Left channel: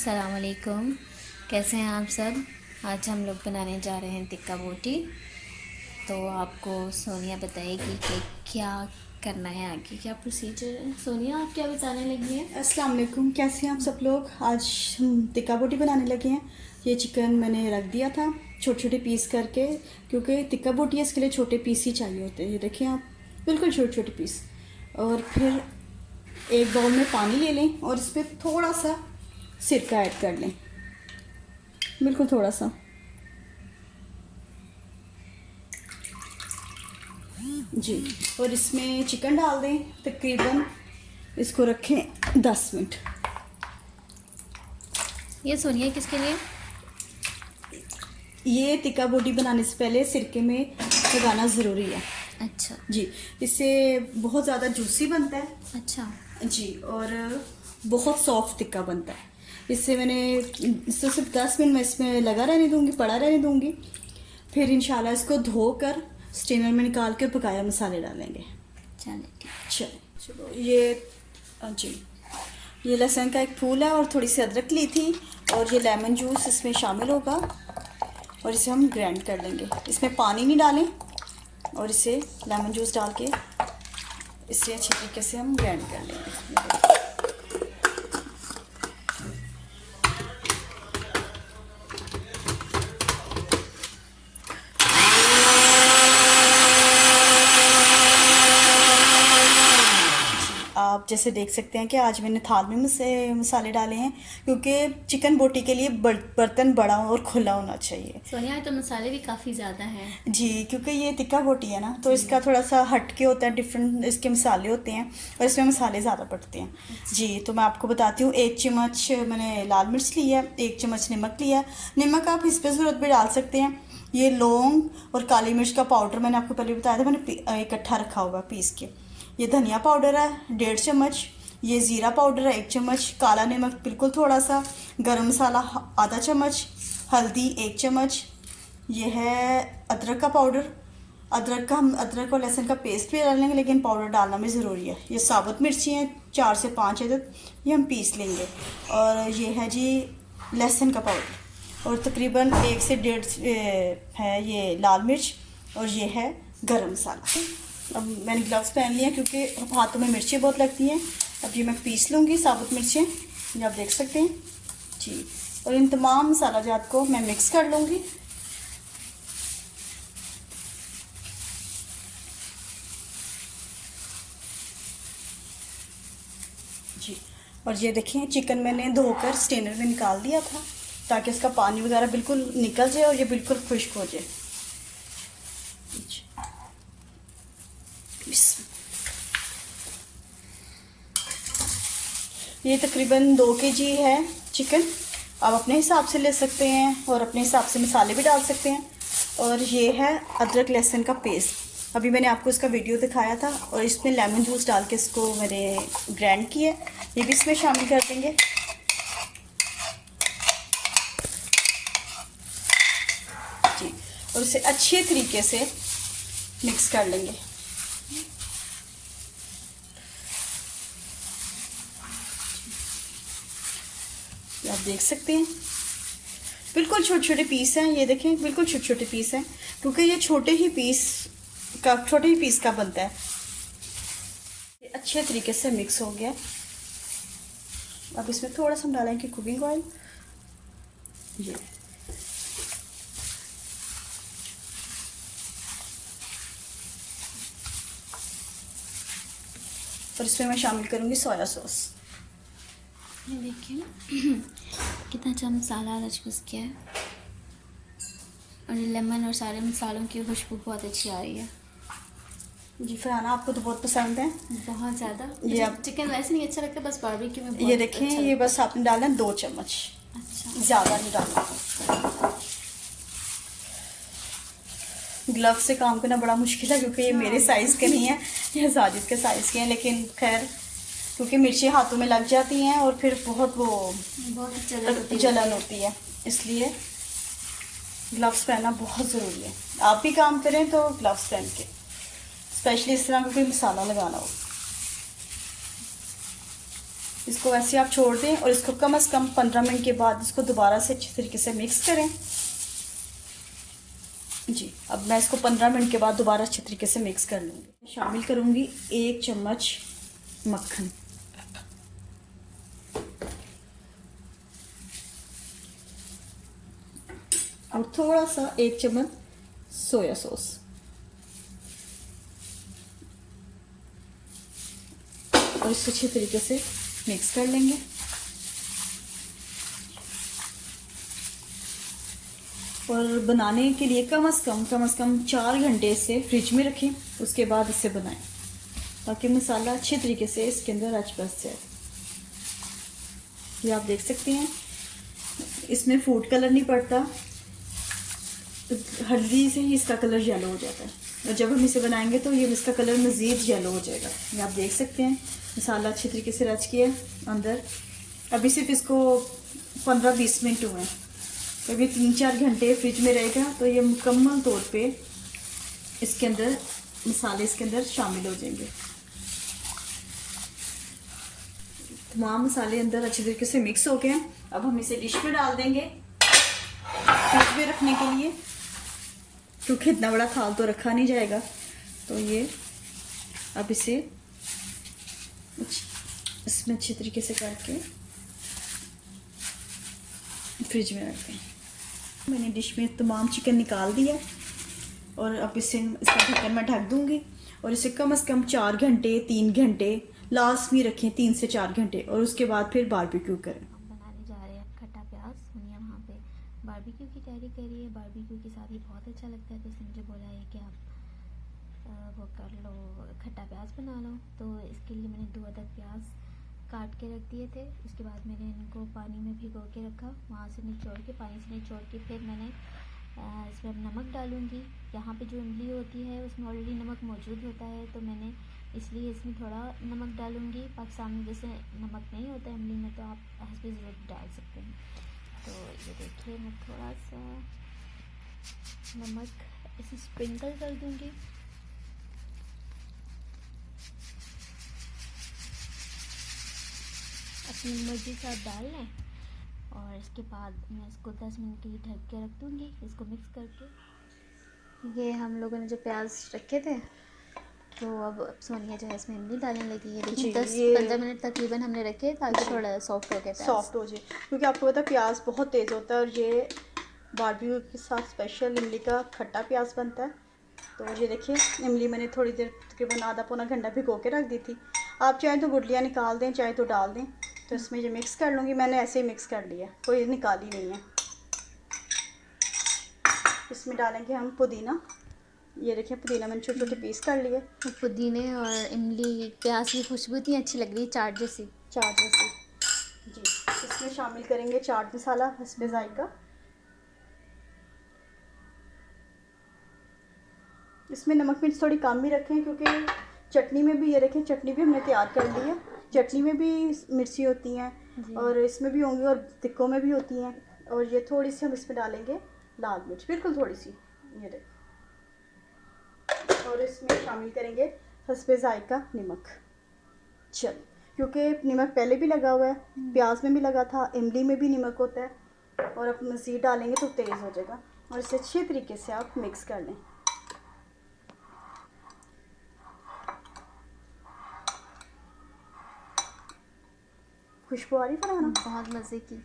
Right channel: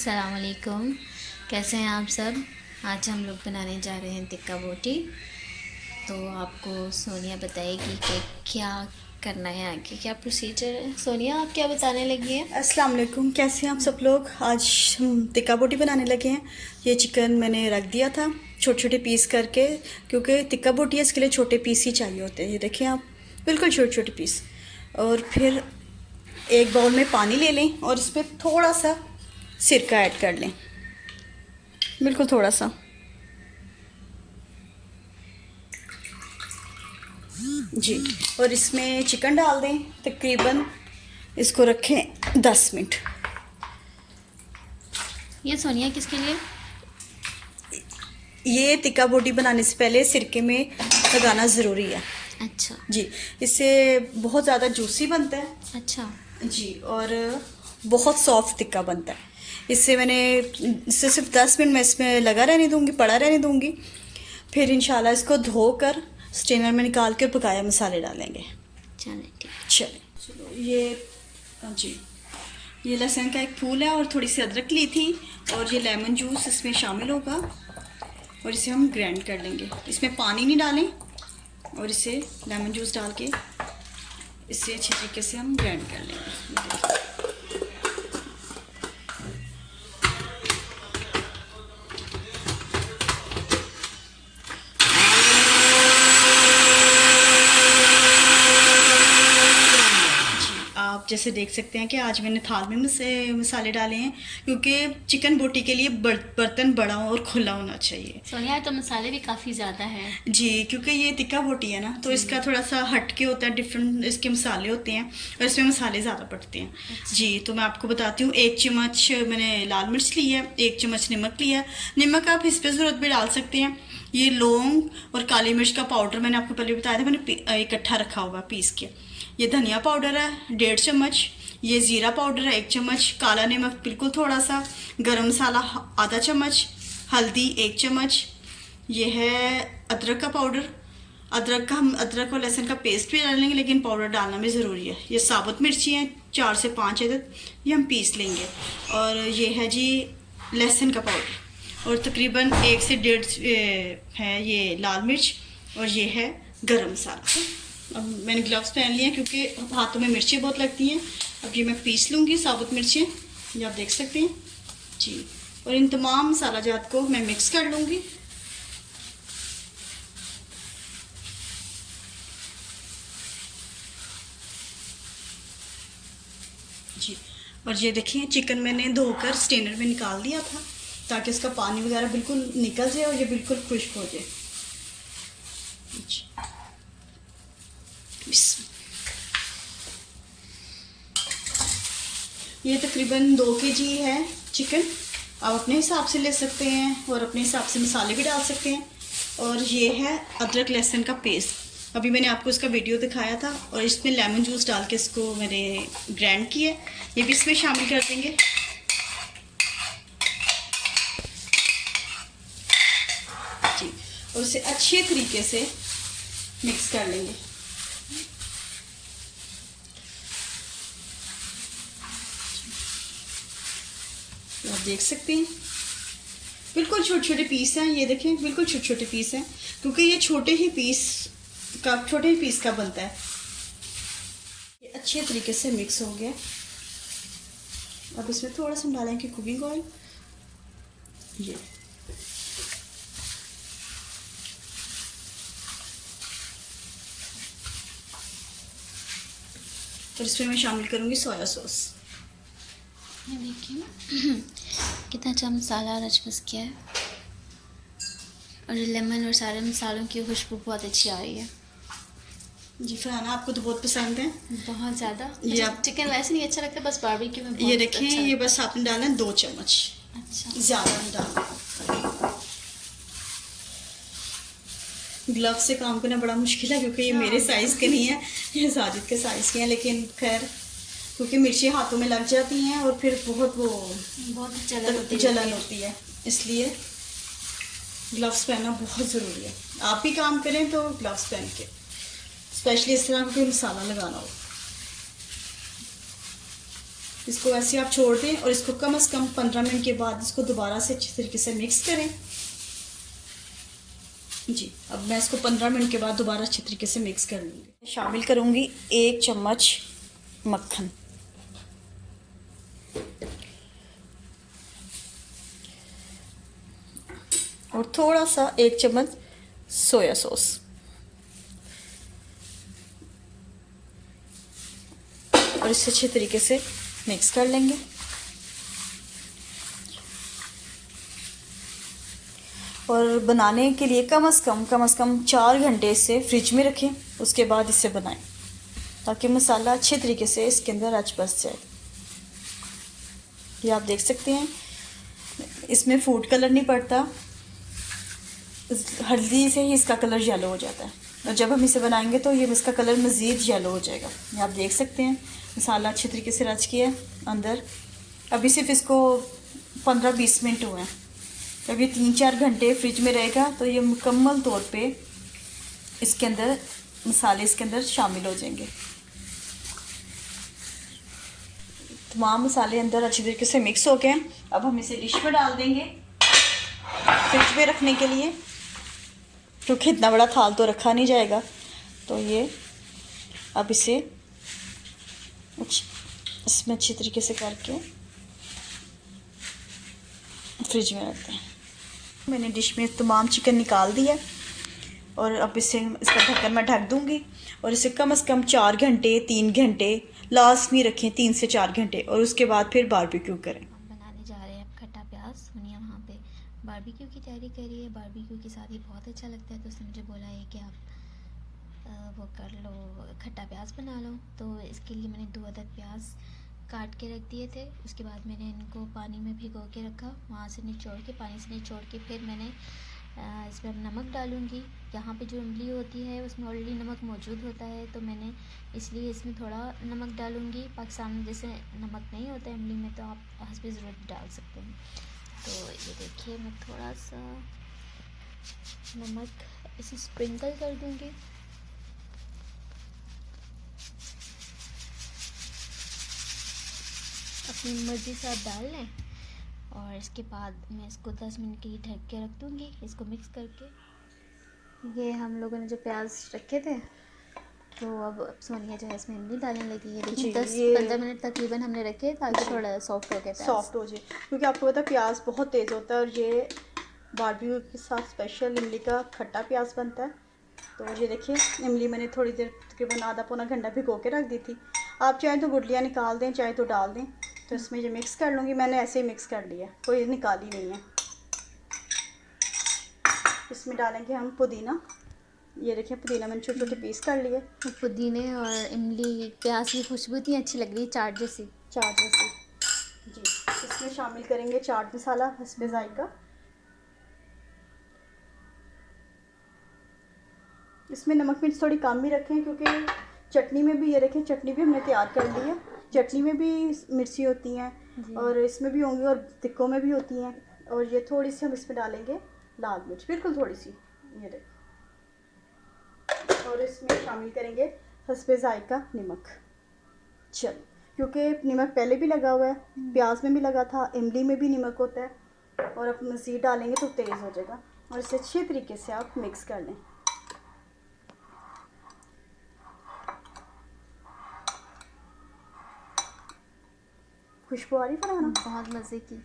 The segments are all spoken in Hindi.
अस्सलाम वालेकुम। कैसे हैं आप सब। आज हम लोग बनाने जा रहे हैं टिक्का बोटी। तो आपको सोनिया बताएगी कि क्या करना है, आगे क्या प्रोसीजर है। सोनिया, आप क्या बताने लगी हैं। अस्सलाम वालेकुम, कैसे हैं आप सब लोग। आज हम टिक्का बोटी बनाने लगे हैं। ये चिकन मैंने रख दिया था छोटे छोटे पीस करके, क्योंकि टिक्का बोटी है इसके लिए छोटे पीस ही चाहिए होते हैं। ये देखिए आप, बिल्कुल छोटे छोटे पीस। और फिर एक बाउल में पानी ले लें और इसमें थोड़ा सा सिरका ऐड कर लें, बिल्कुल थोड़ा सा। जी, और इसमें चिकन डाल दें। तकरीबन इसको रखें 10 मिनट। ये सोनिया किसके लिए। ये टिक्का बोटी बनाने से पहले सिरके में लगाना ज़रूरी है। अच्छा जी, इससे बहुत ज़्यादा जूसी बनता है। अच्छा जी, और बहुत सॉफ्ट टिक्का बनता है। इससे सिर्फ 10 मिनट मैं इसमें लगा रहने दूँगी, पड़ा रहने दूँगी। फिर इंशाल्लाह इसको धोकर स्ट्रेनर में निकाल कर पकाया मसाले डालेंगे। चले ठीक। चलें, ये लहसुन का एक फूल है और थोड़ी सी अदरक ली थी, और ये लेमन जूस इसमें शामिल होगा और इसे हम ग्राइंड कर लेंगे। इसमें पानी नहीं डालें और इसे लेमन जूस डाल के इसे अच्छी तरीके से हम ग्राइंड कर लेंगे। आप जैसे देख सकते हैं कि आज मैंने थाल में मसाले डाले हैं, क्योंकि चिकन बोटी के लिए बर्तन बड़ा और खुला होना चाहिए। सोनिया, तो मसाले भी काफ़ी ज़्यादा हैं। जी, क्योंकि ये टिक्का बोटी है ना, तो इसका थोड़ा सा हटके होता है, डिफरेंट इसके मसाले होते हैं और इसमें मसाले ज़्यादा पड़ते हैं। अच्छा। जी, तो मैं आपको बताती हूँ। 1 चम्मच मैंने लाल मिर्च ली है, 1 चम्मच नमक लिया है। नमक आप इस पर ज़रूरत पे डाल सकते हैं। ये लौंग और काली मिर्च का पाउडर मैंने आपको पहले बताया था, मैंने इकट्ठा रखा हुआ पीस के। ये धनिया पाउडर है 1.5 चम्मच। ये ज़ीरा पाउडर है 1 चम्मच। काला नमक बिल्कुल थोड़ा सा। गरम मसाला आधा चम्मच। हल्दी 1 चम्मच। ये है अदरक का पाउडर। हम अदरक और लहसुन का पेस्ट भी डालेंगे, लेकिन पाउडर डालना भी ज़रूरी है। ये साबुत मिर्ची हैं 4 से 5 अदद, ये हम पीस लेंगे। और ये है जी लहसुन का पाउडर, और तकरीबन 1 से 1.5 है ये लाल मिर्च, और ये है गरम मसाला। अब मैंने ग्लव्स पहन लिए हैं क्योंकि हाथों में मिर्चें बहुत लगती हैं। अब ये मैं पीस लूँगी साबुत मिर्चें, ये आप देख सकते हैं जी। और इन तमाम मसाला जात को मैं मिक्स कर लूँगी। जी, और ये देखिए चिकन मैंने धोकर स्ट्रेनर में निकाल दिया था, ताकि इसका पानी वगैरह बिल्कुल निकल जाए और ये बिल्कुल खुश्क हो जाए। ये तकरीबन 2 kg है चिकन। आप अपने हिसाब से ले सकते हैं और अपने हिसाब से मसाले भी डाल सकते हैं। और ये है अदरक लहसुन का पेस्ट, अभी मैंने आपको इसका वीडियो दिखाया था। और इसमें लेमन जूस डाल के इसको मैंने ग्राइंड किया, ये भी इसमें शामिल कर देंगे। जी, और इसे अच्छे तरीके से मिक्स कर लेंगे। आप देख सकते हैं बिल्कुल छोटे छोटे पीस हैं। ये देखें, बिल्कुल छोटे छोटे पीस हैं, क्योंकि ये छोटे ही पीस का बनता है। ये अच्छे तरीके से मिक्स हो गया। अब इसमें थोड़ा सा हम डालेंगे कुकिंग ऑयल। ये और इसमें मैं शामिल करूंगी सोया सॉस। ये देखिए कितना अच्छा मसाला रचबस किया है, और लेमन और सारे मसालों की खुशबू बहुत अच्छी आ रही है। जी फरहाना, आपको तो बहुत पसंद है। बहुत ज़्यादा। ये मुझे आप चिकन वैसे नहीं अच्छा लगता, बस बारबेक्यू में ये बहुत देखिए, अच्छा ये लगता बस आपने डालना है 2 चम्मच, है। अच्छा, ज़्यादा नहीं डालना। ग्लव से काम करना बड़ा मुश्किल है, क्योंकि ये मेरे साइज़ के नहीं है, ये साजिद के साइज़ के हैं। लेकिन खैर, क्योंकि मिर्ची हाथों में लग जाती हैं और फिर बहुत जलन होती है, इसलिए ग्लव्स पहनना बहुत ज़रूरी है। आप भी काम करें तो ग्लव्स पहन के, स्पेशली इस तरह का कोई मसाला लगाना हो। इसको ऐसे आप छोड़ दें और इसको कम से कम 15 मिनट के बाद इसको दोबारा से अच्छी तरीके से मिक्स करें। जी, अब मैं इसको 15 मिनट के बाद दोबारा अच्छी तरीके से मिक्स कर लूँगी। शामिल करूँगी 1 चम्मच मक्खन, और थोड़ा सा 1 चम्मच सोया सॉस, और इसे अच्छे तरीके से मिक्स कर लेंगे। और बनाने के लिए कम से कम 4 घंटे इसे फ्रिज में रखें, उसके बाद इसे बनाएं ताकि मसाला अच्छे तरीके से इसके अंदर रच बस जाए। ये आप देख सकते हैं, इसमें फूड कलर नहीं पड़ता, हल्दी से ही इसका कलर येलो हो जाता है, और जब हम इसे बनाएंगे तो ये इसका कलर मज़ीद येलो हो जाएगा। ये आप देख सकते हैं मसाला अच्छे तरीके से रच गया है अंदर। अभी सिर्फ इसको 15-20 मिनट हुए हैं, अभी 3-4 घंटे फ्रिज में रहेगा तो ये मुकम्मल तौर पे इसके अंदर मसाले इसके अंदर शामिल हो जाएंगे। तमाम मसाले अंदर अच्छे तरीके से मिक्स हो गए हैं। अब हम इसे डिश में डाल देंगे फ्रिज में रखने के लिए, क्योंकि इतना बड़ा थाल तो रखा नहीं जाएगा। तो ये अब इसे इसमें अच्छी तरीके से करके फ्रिज में रखते हैं। मैंने डिश में तमाम चिकन निकाल दिया और अब इसका ढक्कन मैं ढक दूंगी, और इसे कम से कम 4 घंटे 3 घंटे लास्ट में रखें, 3 से 4 घंटे, और उसके बाद फिर बारबेक्यू करें। हम बनाने जा रहे हैं खट्टा प्याज। सोनिया वहाँ पे बारबेक्यू की तैयारी कर रही है। बारबेक्यू के साथ ये बहुत अच्छा लगता है, तो उसने मुझे बोला है कि आप वो कर लो, खट्टा प्याज बना लो। तो इसके लिए मैंने 2 अदद प्याज काट के रख दिए थे। उसके बाद मैंने इनको पानी में भिगो के रखा, वहाँ से निचोड़ के, पानी से निचोड़ के फिर मैंने इसमें अब नमक डालूँगी। यहाँ पे जो इमली होती है उसमें ऑलरेडी नमक मौजूद होता है, तो मैंने इसलिए इसमें थोड़ा नमक डालूँगी। पाकिस्तान में जैसे नमक नहीं होता इमली में, तो आप हस्बे ज़रूरत डाल सकते हैं। तो ये देखिए, मैं थोड़ा सा नमक इसे स्प्रिंकल कर दूँगी। अपनी मर्ज़ी से आप डाल लें, और इसके बाद मैं इसको 10 मिनट के लिए ढक के रख दूँगी, इसको मिक्स करके। ये हम लोगों ने जो प्याज रखे थे, तो अब सोनिया जो है इसमें इमली डालने लगी है। देखिए 10-15 मिनट तकरीबन हमने रखे ताकि थोड़ा सॉफ्ट हो गया, सॉफ्ट हो जाए, क्योंकि आपको पता है प्याज बहुत तेज़ होता है, और ये बारबेक्यू के साथ स्पेशल इमली का खट्टा प्याज बनता है। तो ये देखिए, इमली मैंने थोड़ी देर तकरीबन आधा पौना घंटा भिगो के रख दी थी। आप चाहे तो गुठलियाँ निकाल दें, चाहे तो डाल दें। तो इसमें ये मिक्स कर लूँगी, मैंने ऐसे ही मिक्स कर लिया, कोई निकाली नहीं है। इसमें डालेंगे हम पुदीना। ये देखिए, पुदीना मैंने छोटे छोटे पीस कर लिए। तो पुदीने और इमली प्याज की खुशबू इतनी अच्छी लग रही है, चाट जैसी। जी, इसमें शामिल करेंगे चाट मसाला हस्बे जायका। इसमें नमक मिर्च थोड़ी कम ही रखें, क्योंकि चटनी में भी, ये रखें चटनी भी हमने तैयार कर ली है, चटनी में भी मिर्ची होती हैं और इसमें भी होंगी और टिक्कों में भी होती हैं। और ये थोड़ी सी हम इसमें डालेंगे लाल मिर्च, बिल्कुल थोड़ी सी, ये देखो। और इसमें शामिल करेंगे हस्बे जायका नमक। चल, क्योंकि नमक पहले भी लगा हुआ है, प्याज में भी लगा था, इमली में भी नमक होता है, और अब मज़ीद डालेंगे तो तेज़ हो जाएगा। और इसे अच्छे तरीके से आप मिक्स कर लें। खुशबू आ रही है ना, बहुत मज़े की।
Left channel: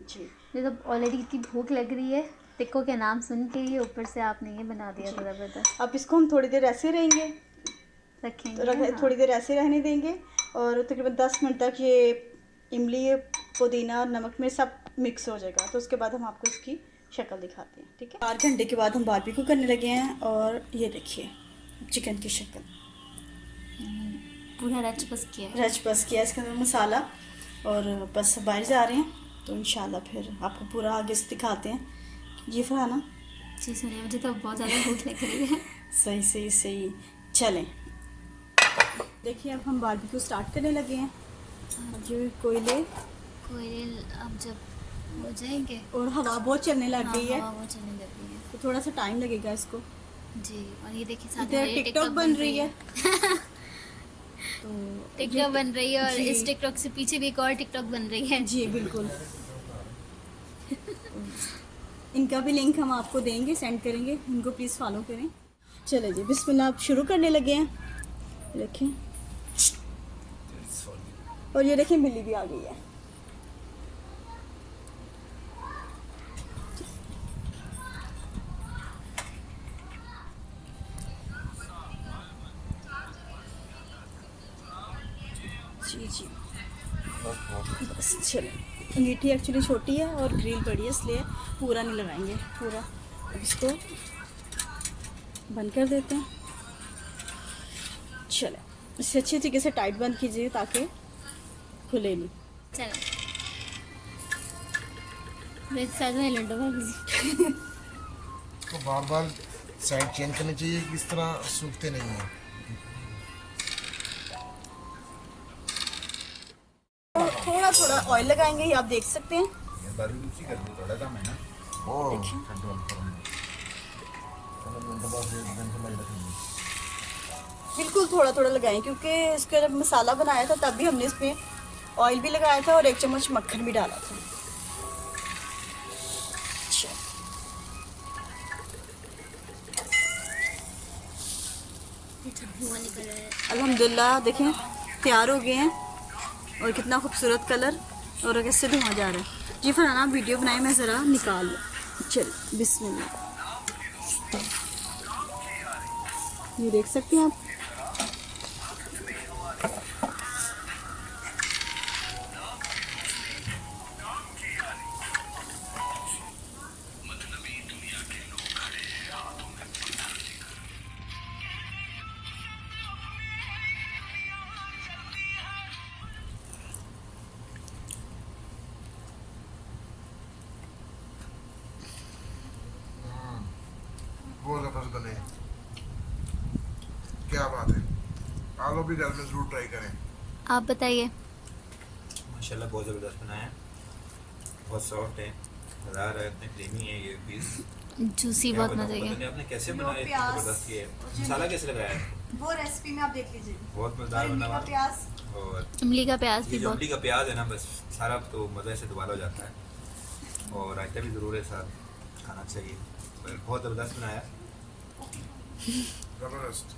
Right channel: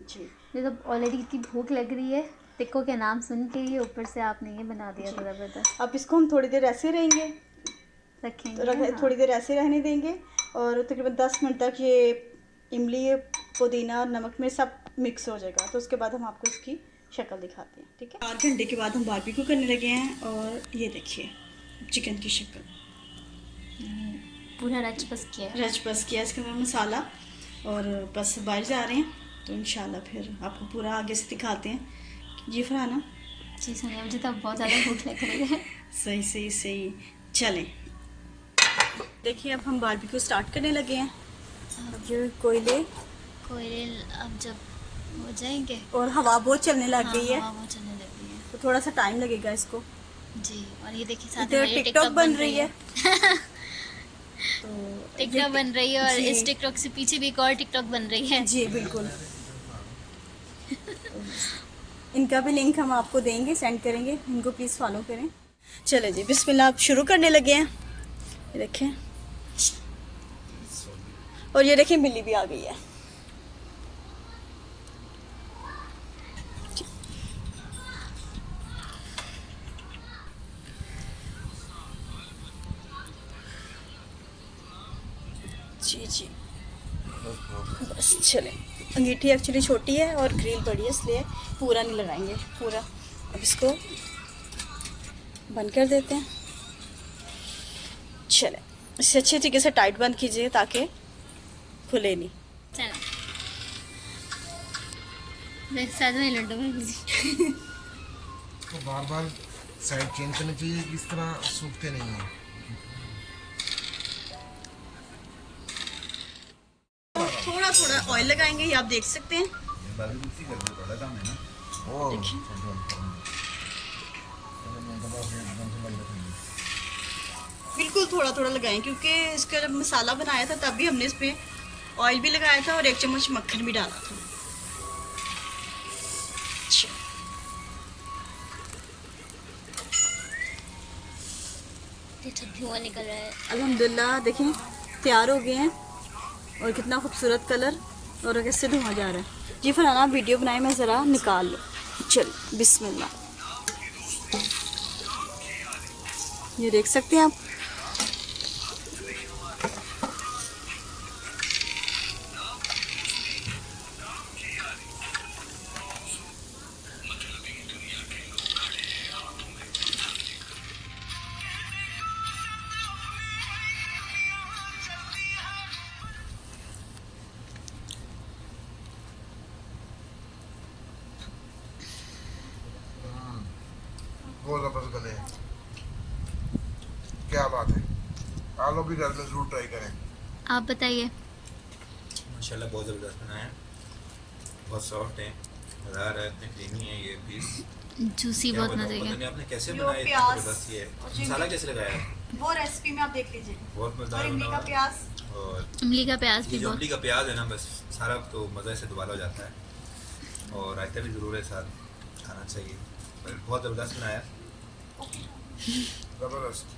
जी, मुझे तो ऑलरेडी इतनी भूख लग रही है, टिक्कों के नाम सुन के ही ऊपर से आपने ये बना दिया तो ज़बरदस्त। अब इसको हम थोड़ी देर ऐसे रहेंगे, रखेंगे, हाँ। थोड़ी देर ऐसे रहने देंगे, और तकरीबन 10 मिनट तक ये इमली, पुदीना, नमक में सब मिक्स हो जाएगा। तो उसके बाद हम आपको इसकी शक्ल दिखाते हैं, ठीक है। 4 घंटे के बाद हम बारबेक्यू करने लगे हैं, और ये देखिए चिकन की शक्ल पूरा रच बस किया इसके अंदर मसाला, और बस बाहर जा रहे हैं। तो इंशाल्लाह फिर आपको पूरा आगे से दिखाते हैं। जी फरहाना। जी सोनिया, मुझे तो बहुत ज़्यादा भूख लग रही है। सही चलें। देखिए, अब हम बारबेक्यू स्टार्ट करने लगे हैं। जो कोयले अब जब हो जाएंगे, और हवा बहुत चलने लग गई है, हवा बहुत चलने लग गई है, तो थोड़ा सा टाइम लगेगा इसको। जी। और ये देखिए साथ में में टिकटॉक बन रही है। टिकटॉक बन रही है और जी। इस टिकटॉक से पीछे भी एक और टिकटॉक बन रही है। जी बिल्कुल। इनका भी लिंक हम आपको देंगे, सेंड करेंगे, इनको प्लीज़ फॉलो करें। चले जी बिस्मिल्लाह, आप शुरू करने लगे हैं। ये देखें, और ये देखें बिल्ली भी आ गई है। जी जी बस चले। अंगीठी एक्चुअली छोटी है और ग्रिल बड़ी है, इसलिए पूरा नहीं लगाएंगे पूरा। अब इसको बंद कर देते हैं। चले, इसे अच्छे तरीके से टाइट बंद कीजिए ताकि खुले नहीं। चलो साथ में लड्डू में कीजिए। तो बार बार साइड चेंज करनी चाहिए कि इस तरह सूखते नहीं हैं। थोड़ा थोड़ा ऑयल लगाएंगे, ये आप देख सकते हैं। बिल्कुल थोड़ा थोड़ा लगाएं, क्योंकि इसका जब मसाला बनाया था तब भी हमने इस पे ऑयल भी लगाया था और 1 चम्मच मक्खन भी डाला था। अच्छा, धुआं निकल रहा है। अल्हम्दुलिल्लाह देखें तैयार हो गए हैं, और कितना खूबसूरत कलर और कैसे धुआं जा रहा है। जी फरहाना, आप वीडियो बनाए, मैं ज़रा निकाल लूँ। चलो बिस्मिल्लाह, ये देख सकते हैं आप। बहुत जबरदस्त बने हैं। क्या बात है, आलू भी घर में जरूर ट्राई करें। आप बताइए। माशाल्लाह बहुत ज़बरदस्त बनाया है, बहुत सॉफ्ट है, मज़ा आ रहा है, इतने क्रीमी है ये पीस। जूसी क्या बहुत बताऊं, मजे पता का। नहीं आपने कैसे जो बनाया, इतना प्याज ज़बरदस्त ये जी। मसाला कैसे लगाया है, वो रेसिपी में आप देख लीजिए। बहुत मज़ेदार बना हुआ है। प्याज और इमली का प्याज ये भी जो बहुत। इमली का प्याज है ना, बस सारा तो मज़े से दुबाला हो जाता है। और रायता भी ज़रूर है साथ, खाना चाहिए। बहुत ज़बरदस्त बनाया। जबरदस्त।